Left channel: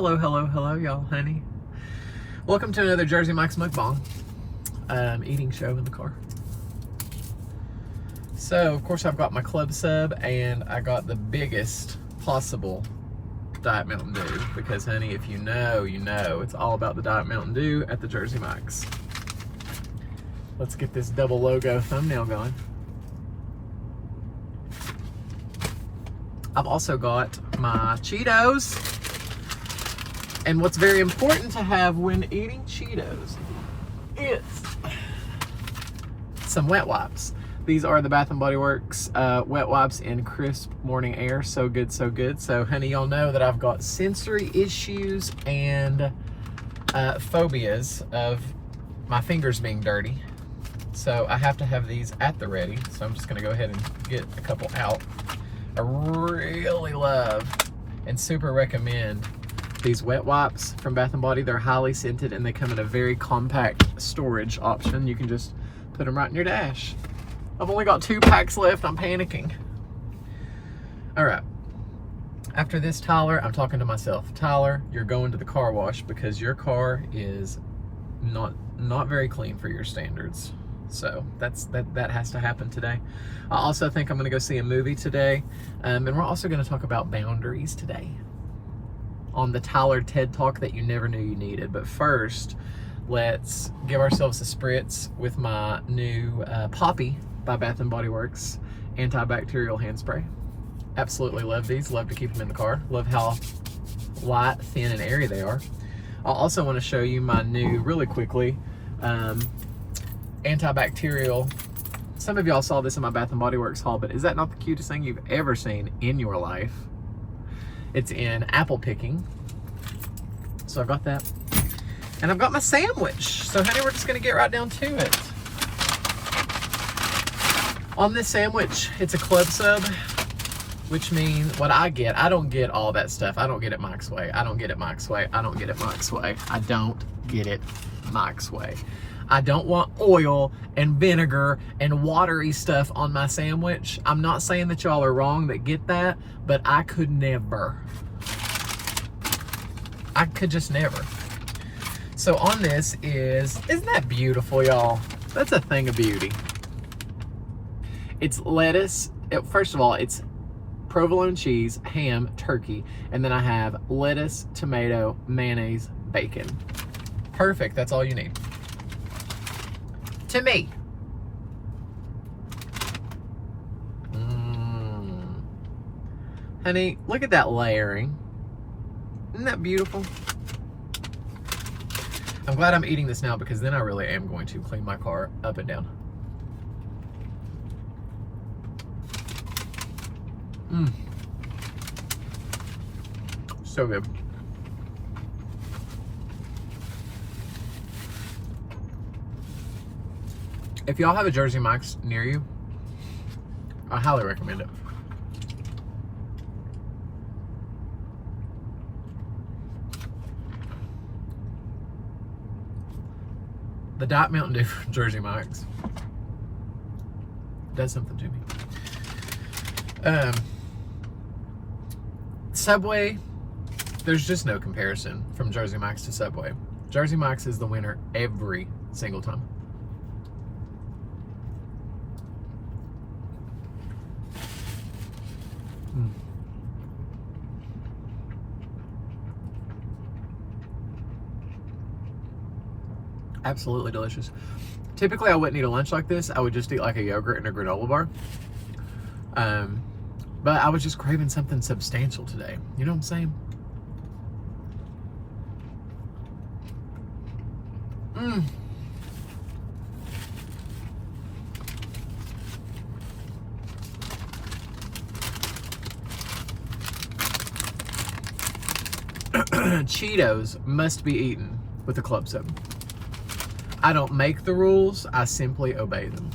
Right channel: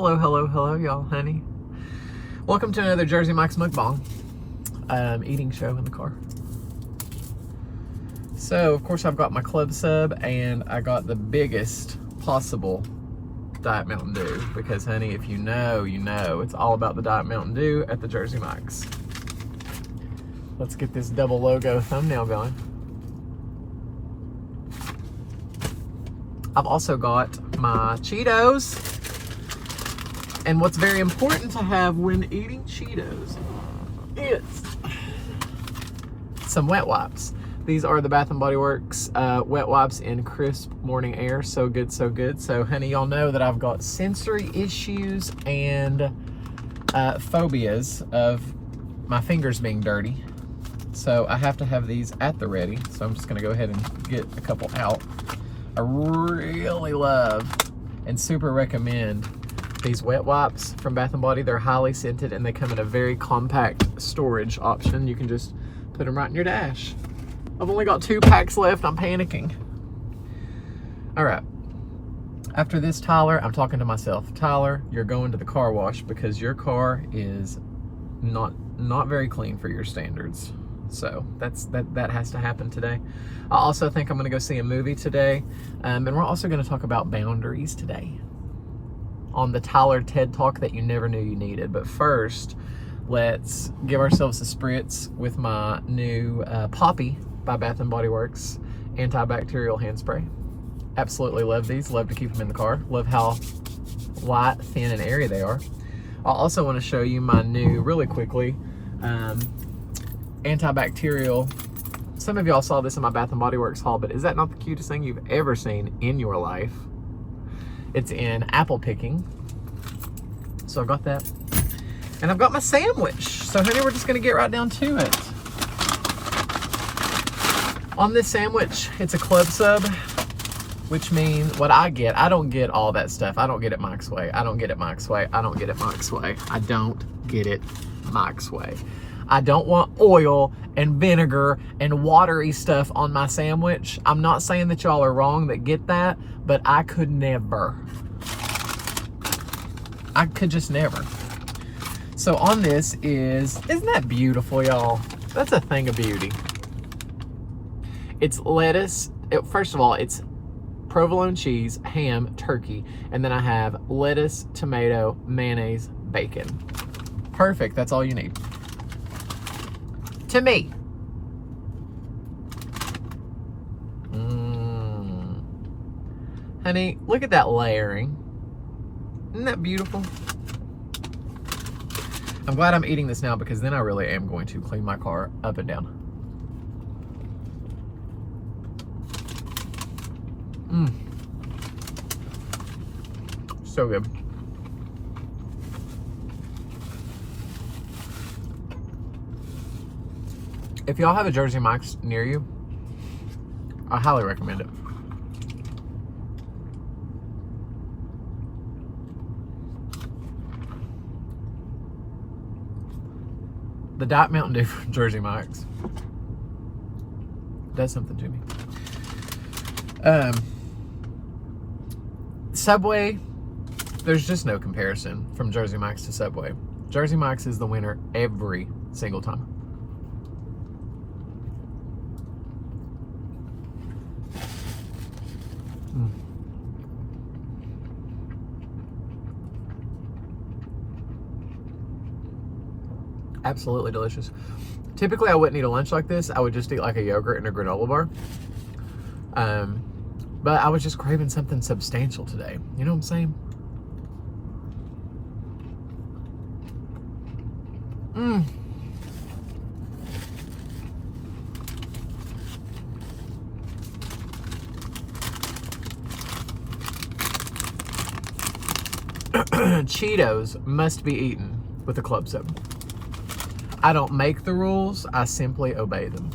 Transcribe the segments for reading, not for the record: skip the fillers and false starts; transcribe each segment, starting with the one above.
Hello, y'all, honey. Welcome to another Jersey Mike's Mukbang eating show in the car. So, of course, I've got my club sub, and I got the biggest possible Diet Mountain Dew, because, honey, if you know, you know. It's all about the Diet Mountain Dew at the Jersey Mike's. Let's get this double logo thumbnail going. I've also got my Cheetos. And what's very important to have when eating Cheetos is some wet wipes. These are the Bath & Body Works wet wipes in crisp morning air. So good, so good. So, honey, y'all know that I've got sensory issues and phobias of my fingers being dirty. So I have to have these at the ready. So I'm just gonna go ahead and get a couple out. I really love and super recommend these wet wipes from Bath & Body. They're highly scented and they come in a very compact storage option. You can just put them right in your dash. I've only got 2 packs left. I'm panicking. All right. After this, Tyler, I'm talking to myself. Tyler, you're going to the car wash because your car is not very clean for your standards. So that has to happen today. I also think I'm going to go see a movie today. And we're also going to talk about boundaries today on the Tyler TED Talk that you never knew you needed. But first, let's give ourselves a spritz with my new Poppy by Bath & Body Works antibacterial hand spray. Absolutely love these. Love to keep them in the car. Love how light, thin, and airy they are. I also want to show you my new, really quickly, antibacterial. Some of y'all saw this in my Bath & Body Works haul, but is that not the cutest thing you've ever seen in your life? It's in apple picking. So I've got that. And I've got my sandwich. So, honey, we're just going to get right down to it. On this sandwich, it's a club sub, which means what I get, I don't get all that stuff. I don't get it Mike's way. I don't get it Mike's way. I don't get it Mike's way. I don't get it Mike's way. I don't want oil and vinegar and watery stuff on my sandwich. I'm not saying that y'all are wrong that get that, but I could never. I could just never. So on this isn't that beautiful, y'all? That's a thing of beauty. It's lettuce. First of all, it's provolone cheese, ham, turkey, and then I have lettuce, tomato, mayonnaise, bacon. Perfect. That's all you need. To me. Honey, look at that layering. Isn't that beautiful? I'm glad I'm eating this now because then I really am going to clean my car up and down. So good. If y'all have a Jersey Mike's near you, I highly recommend it. The Diet Mountain Dew from Jersey Mike's does something to me. Subway, there's just no comparison from Jersey Mike's to Subway. Jersey Mike's is the winner every single time. Absolutely delicious. Typically, I wouldn't eat a lunch like this. I would just eat like a yogurt and a granola bar. But I was just craving something substantial today. You know what I'm saying? Cheetos must be eaten with a club sub. I don't make the rules, I simply obey them.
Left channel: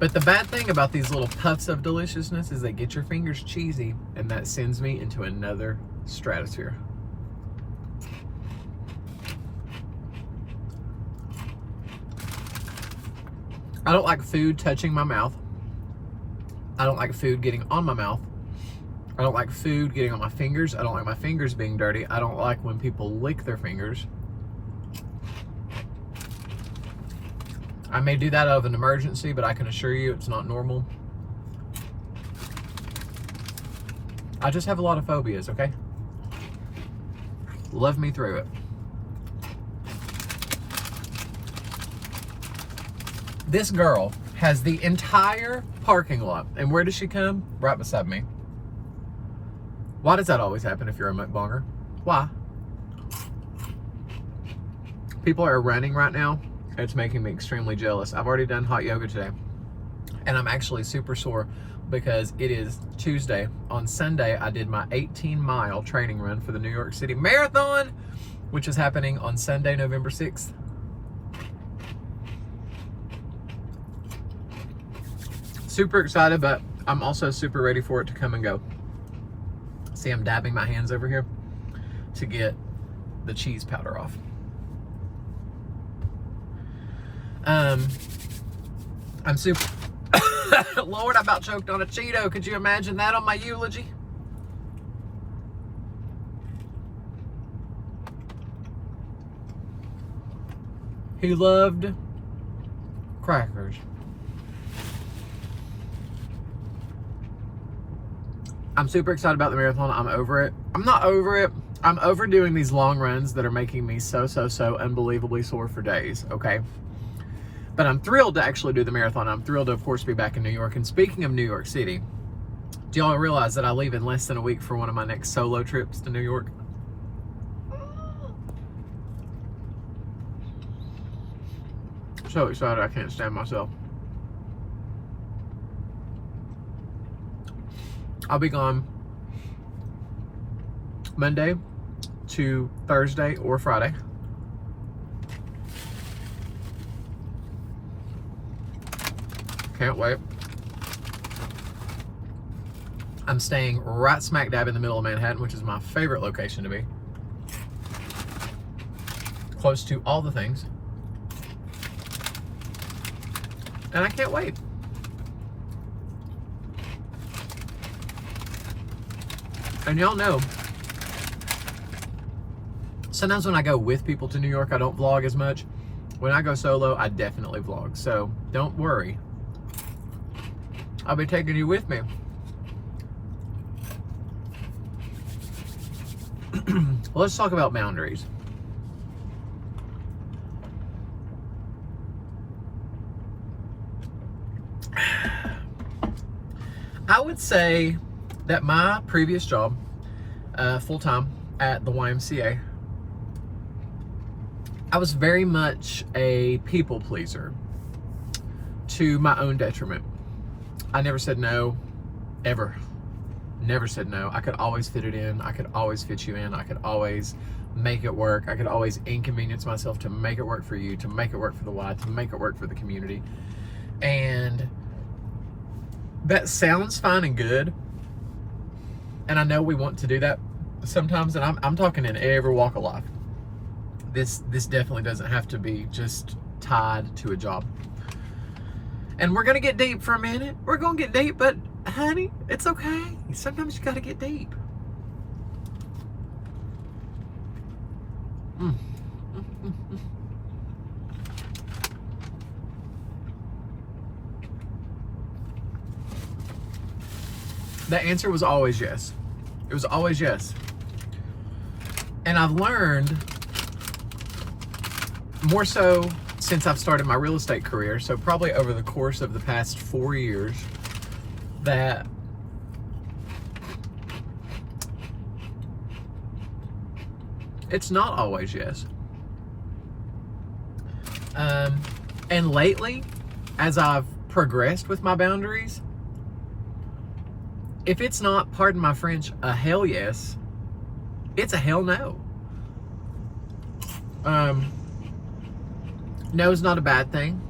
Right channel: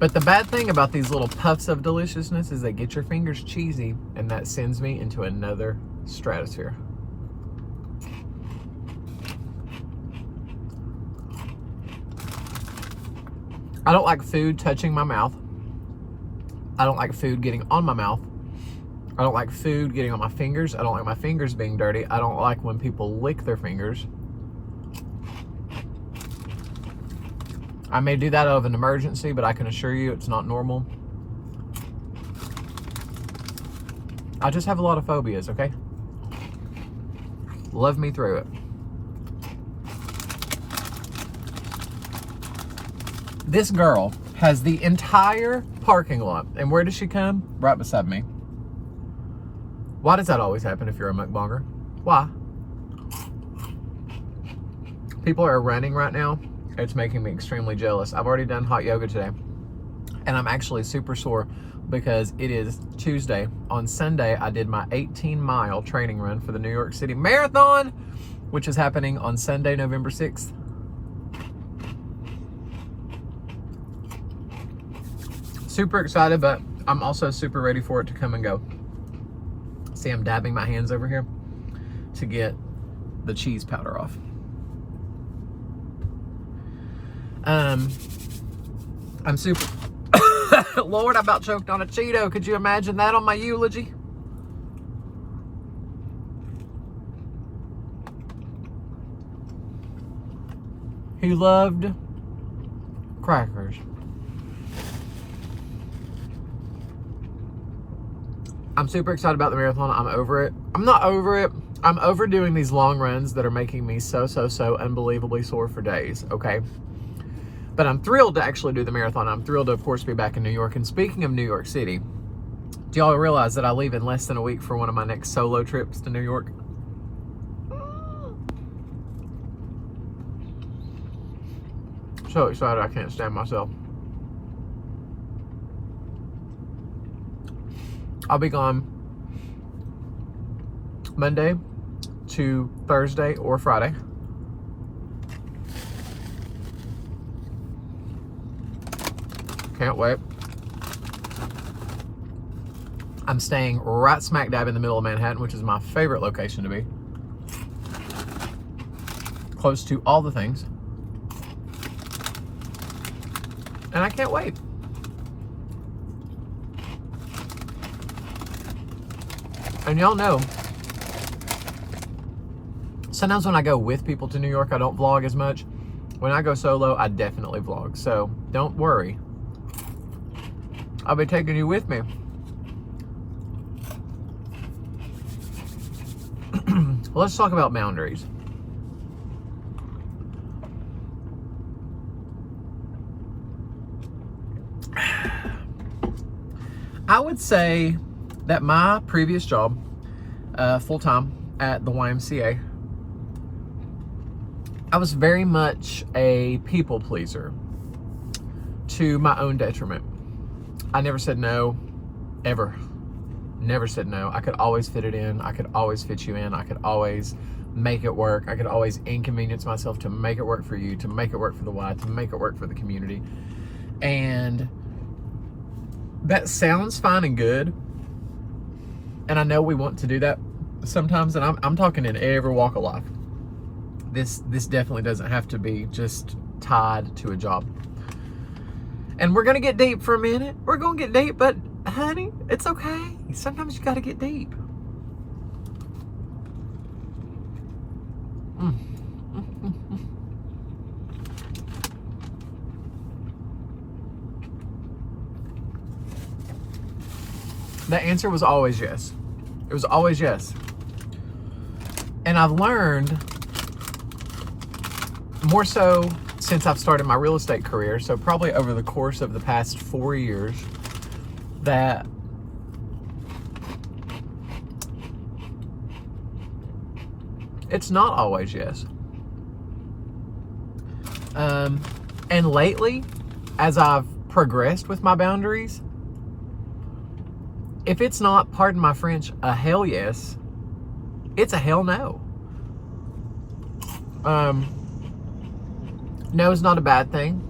But the bad thing about these little puffs of deliciousness is they get your fingers cheesy, and that sends me into another stratosphere. I don't like food touching my mouth. I don't like food getting on my mouth. I don't like food getting on my fingers. I don't like my fingers being dirty. I don't like when people lick their fingers. I may do that out of an emergency, but I can assure you it's not normal. I just have a lot of phobias, okay? Love me through it. This girl has the entire parking lot. And where does she come? Right beside me. Why does that always happen if you're a mukbanger? Why? People are running right now. It's making me extremely jealous. I've already done hot yoga today. And I'm actually super sore because it is Tuesday. On Sunday, I did my 18-mile training run for the New York City Marathon, which is happening on Sunday, November 6th. Super excited, but I'm also super ready for it to come and go. See, I'm dabbing my hands over here to get the cheese powder off. I'm super... Lord, I about choked on a Cheeto. Could you imagine that on my eulogy? He loved crackers. I'm super excited about the marathon. I'm over it. I'm not over it. I'm overdoing these long runs that are making me so unbelievably sore for days, okay? But I'm thrilled to actually do the marathon. I'm thrilled to, of course, be back in New York. And speaking of New York City, do y'all realize that I leave in less than a week for one of my next solo trips to New York? So excited, I can't stand myself. I'll be gone Monday to Thursday or Friday. Can't wait. I'm staying right smack dab in the middle of Manhattan, which is my favorite location to be. Close to all the things. And I can't wait. And y'all know, sometimes when I go with people to New York, I don't vlog as much. When I go solo, I definitely vlog. So don't worry. I'll be taking you with me. Let's talk about boundaries. I would say that my previous job, full-time at the YMCA, I was very much a people pleaser to my own detriment. I never said no, ever. Never said no. I could always fit it in. I could always fit you in. I could always make it work. I could always inconvenience myself to make it work for you, to make it work for the Y, to make it work for the community. And that sounds fine and good. And I know we want to do that sometimes, and I'm talking in every walk of life. This definitely doesn't have to be just tied to a job. And we're gonna get deep for a minute. We're gonna get deep, but honey, it's okay. Sometimes you gotta get deep. The answer was always yes. It was always yes. And I've learned, more so since I've started my real estate career, so probably over the course of the past 4 years, that it's not always yes. And lately, as I've progressed with my boundaries, if it's not, pardon my French, a hell yes, it's a hell no. No is not a bad thing.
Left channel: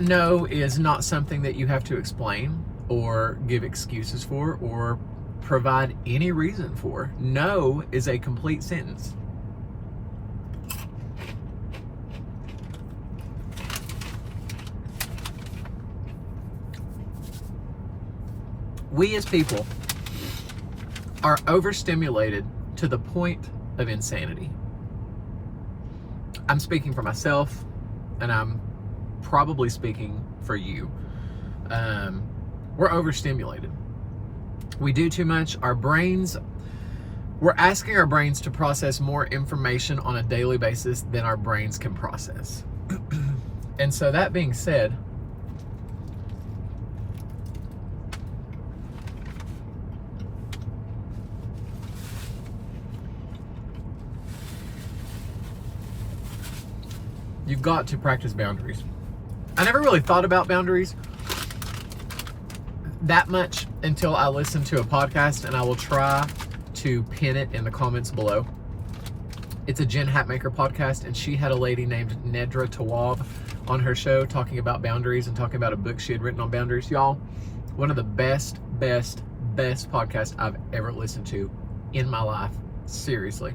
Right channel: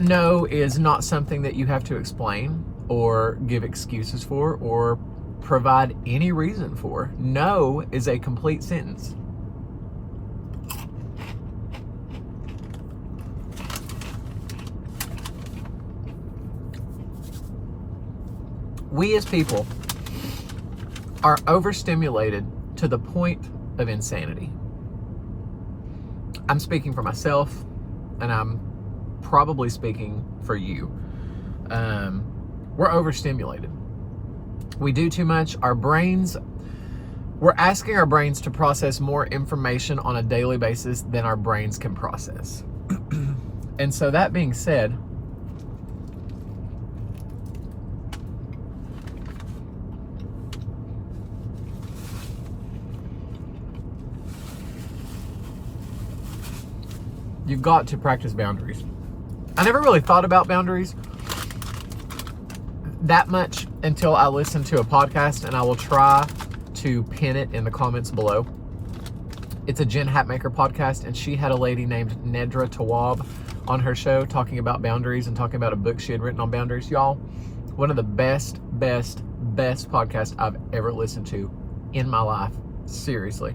No is not something that you have to explain or give excuses for or provide any reason for. No is a complete sentence. We as people are overstimulated to the point of insanity. I'm speaking for myself, and I'm probably speaking for you. We're overstimulated. We do too much. We're asking our brains to process more information on a daily basis than our brains can process. And so that being said, you've got to practice boundaries. I never really thought about boundaries that much until I listened to a podcast, and I will try to pin it in the comments below. It's a Jen Hatmaker podcast, and she had a lady named Nedra Tawwab on her show talking about boundaries and talking about a book she had written on boundaries. Y'all, one of the best podcasts I've ever listened to in my life. Seriously.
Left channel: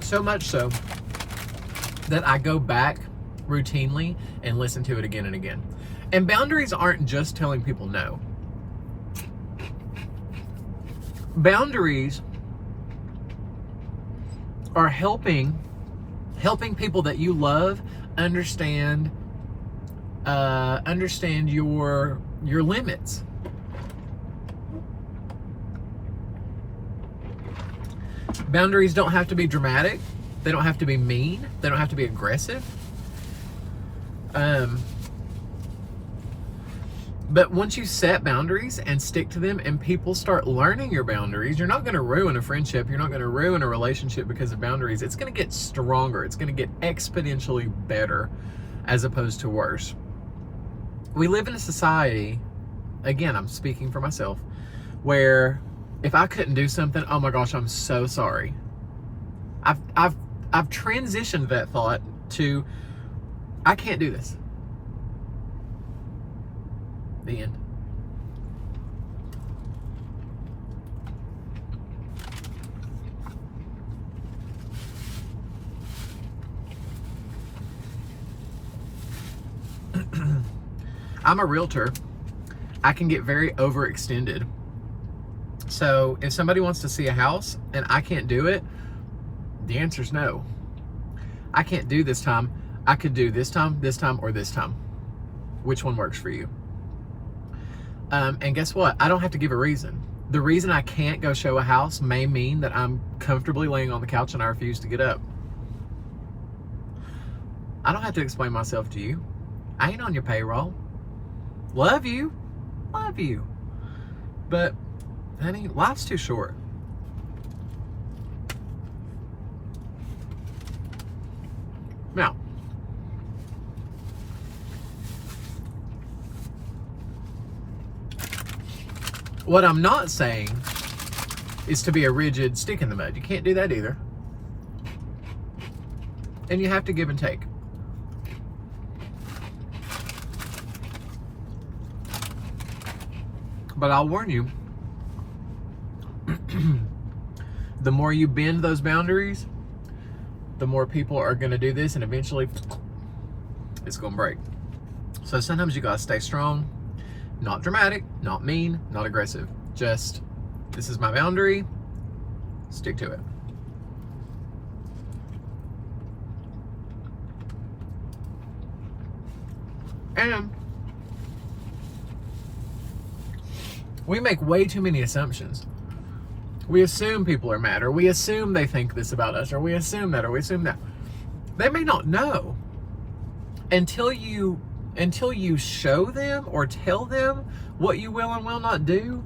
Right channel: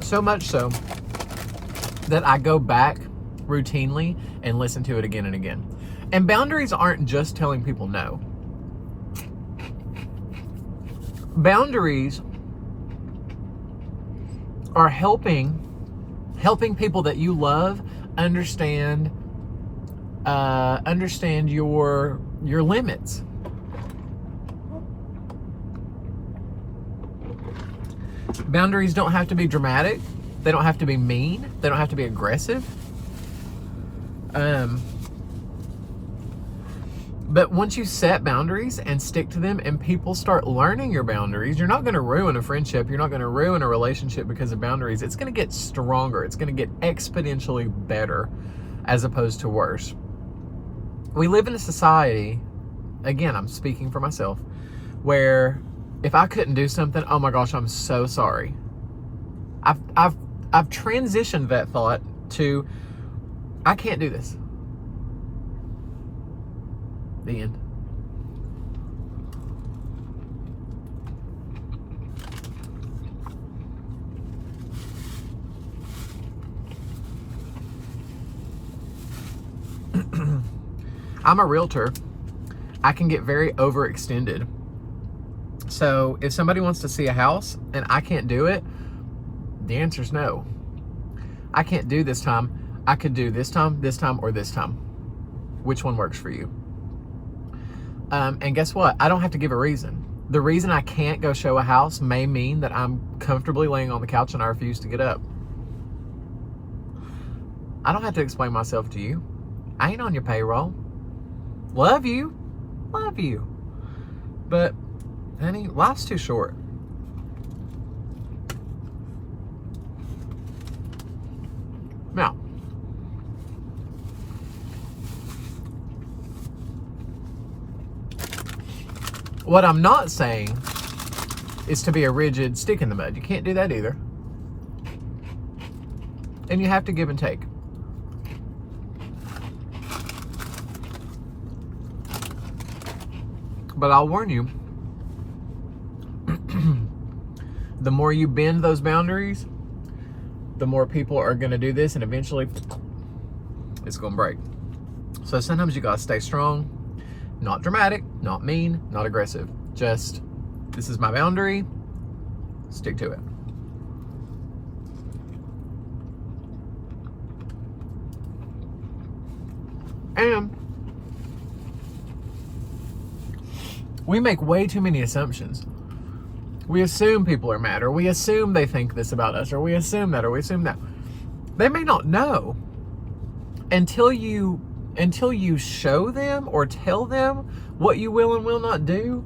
So much so that I go back routinely and listen to it again and again. And boundaries aren't just telling people no. Boundaries are helping people that you love understand your limits. Boundaries don't have to be dramatic. They don't have to be mean. They don't have to be aggressive. But once you set boundaries and stick to them, and people start learning your boundaries, you're not going to ruin a friendship. You're not going to ruin a relationship because of boundaries. It's going to get stronger. It's going to get exponentially better as opposed to worse. We live in a society, again, I'm speaking for myself, where if I couldn't do something, oh my gosh, I'm so sorry. I've transitioned that thought to, I can't do this. The end. I'm a realtor. I can get very overextended. So if somebody wants to see a house and I can't do it, the answer is no. I can't do this time. I could do this time, or this time. Which one works for you? And guess what? I don't have to give a reason. The reason I can't go show a house may mean that I'm comfortably laying on the couch and I refuse to get up. I don't have to explain myself to you. I ain't on your payroll. Love you. But, honey, life's too short. Now, what I'm not saying is to be a rigid stick in the mud. You can't do that either. And you have to give and take. But I'll warn you, the more you bend those boundaries, the more people are going to do this, and eventually it's going to break. So sometimes you got to stay strong, not dramatic, not mean, not aggressive. Just, this is my boundary, stick to it. And we make way too many assumptions. We assume people are mad, or we assume they think this about us, or we assume that, or we assume that. They may not know until you show them or tell them what you will and will not do.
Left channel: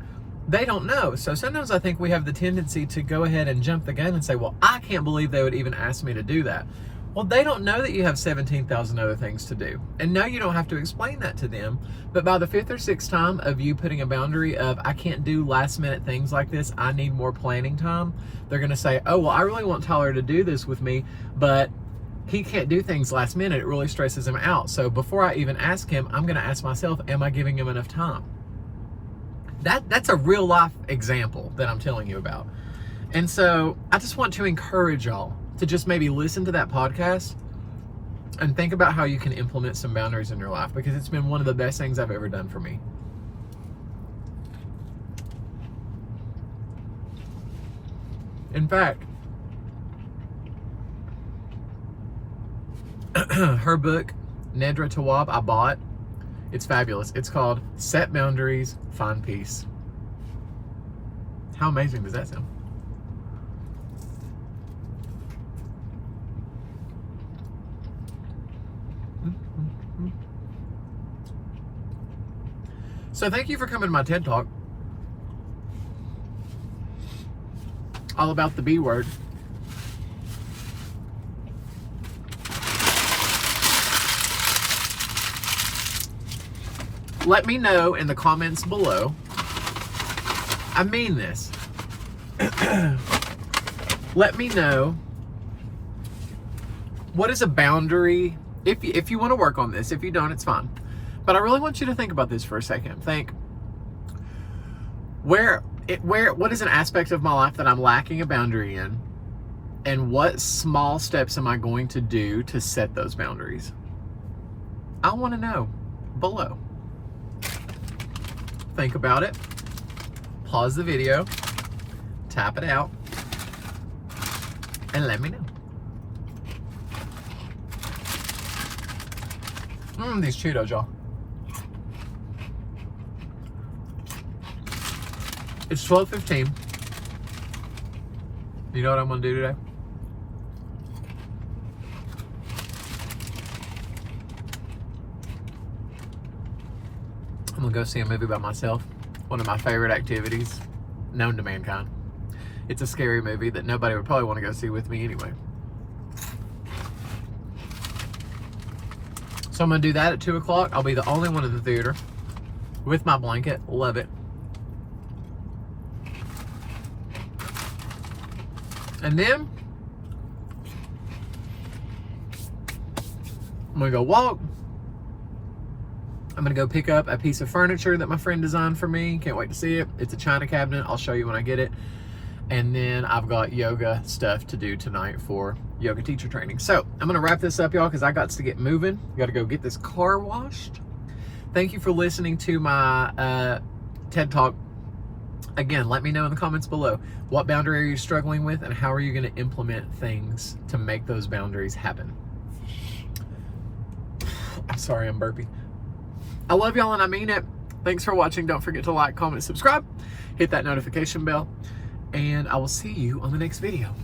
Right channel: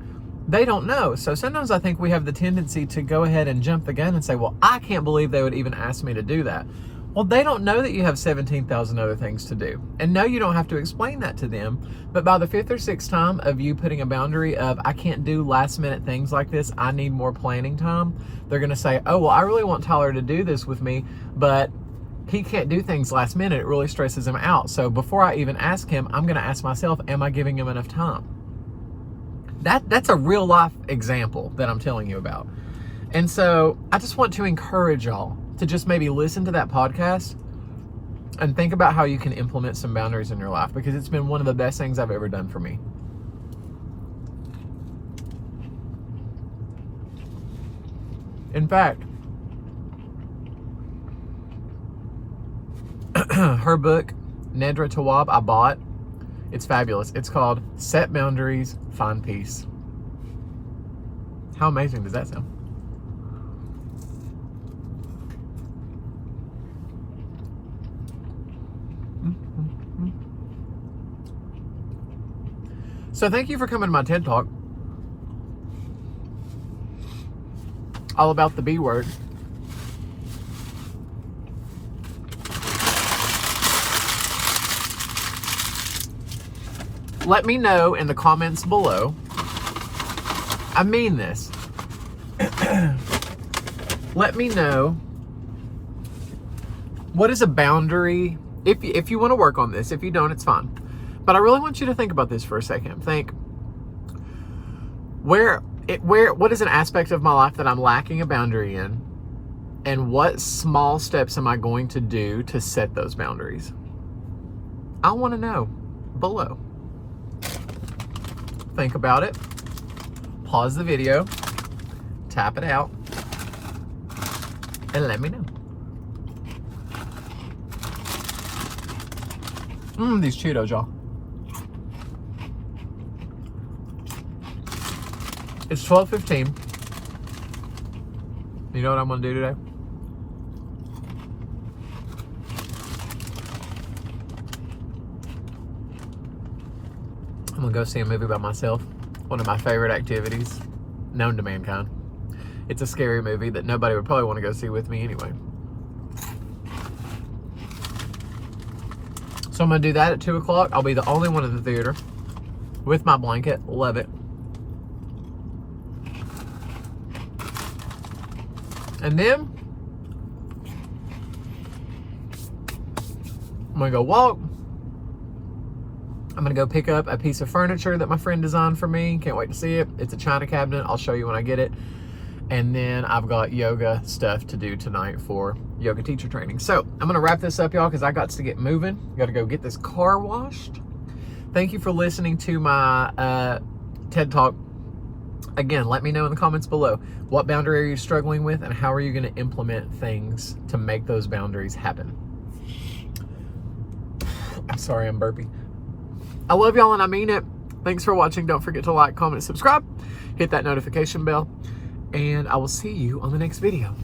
They don't know. So sometimes I think we have the tendency to go ahead and jump the gun and say, well, I can't believe they would even ask me to do that. Well, they don't know that you have 17,000 other things to do. And no, you don't have to explain that to them. But by the 5th or 6th time of you putting a boundary of, I can't do last minute things like this, I need more planning time, they're going to say, oh, well, I really want Tyler to do this with me, but he can't do things last minute. It really stresses him out. So before I even ask him, I'm going to ask myself, am I giving him enough time? That's a real life example that I'm telling you about. And so I just want to encourage y'all to just maybe listen to that podcast And think about how you can implement some boundaries in your life, because it's been one of the best things I've ever done for me. In fact, her book, Nedra Tawwab, I bought. It's fabulous. It's called Set Boundaries, Find Peace. How amazing does that sound? So thank you for coming to my TED Talk. All about the B word. Let me know in the comments below. I mean this. Let me know, what is a boundary, if you want to work on this. If you don't, it's fine. But I really want you to think about this for a second. Think, what is an aspect of my life that I'm lacking a boundary in? And what small steps am I going to do to set those boundaries? I want to know below. Think about it. Pause the video. Tap it out. And let me know. These Cheetos, y'all. It's 12:15. You know what I'm gonna do today? I'm gonna go see a movie by myself. One of my favorite activities known to mankind. It's a scary movie that nobody would probably want to go see with me anyway. So I'm gonna do that at 2 o'clock. I'll be the only one in the theater with my blanket. Love it. And then I'm gonna go walk. I'm gonna go pick up a piece of furniture that my friend designed for me. Can't wait to see it. It's a china cabinet. I'll show you when I get it. And then I've got yoga stuff to do tonight for yoga teacher training. So I'm gonna wrap this up, y'all, because I got to get moving. Got to go get this car washed. Thank you for listening to my TED Talk. Again, let me know in the comments below, what boundary are you struggling with, and how are you going to implement things to make those boundaries happen? I'm sorry, I'm burpy. I love y'all and I mean it. Thanks for watching. Don't forget to like, comment, subscribe, hit that notification bell, and I will see you on the next video.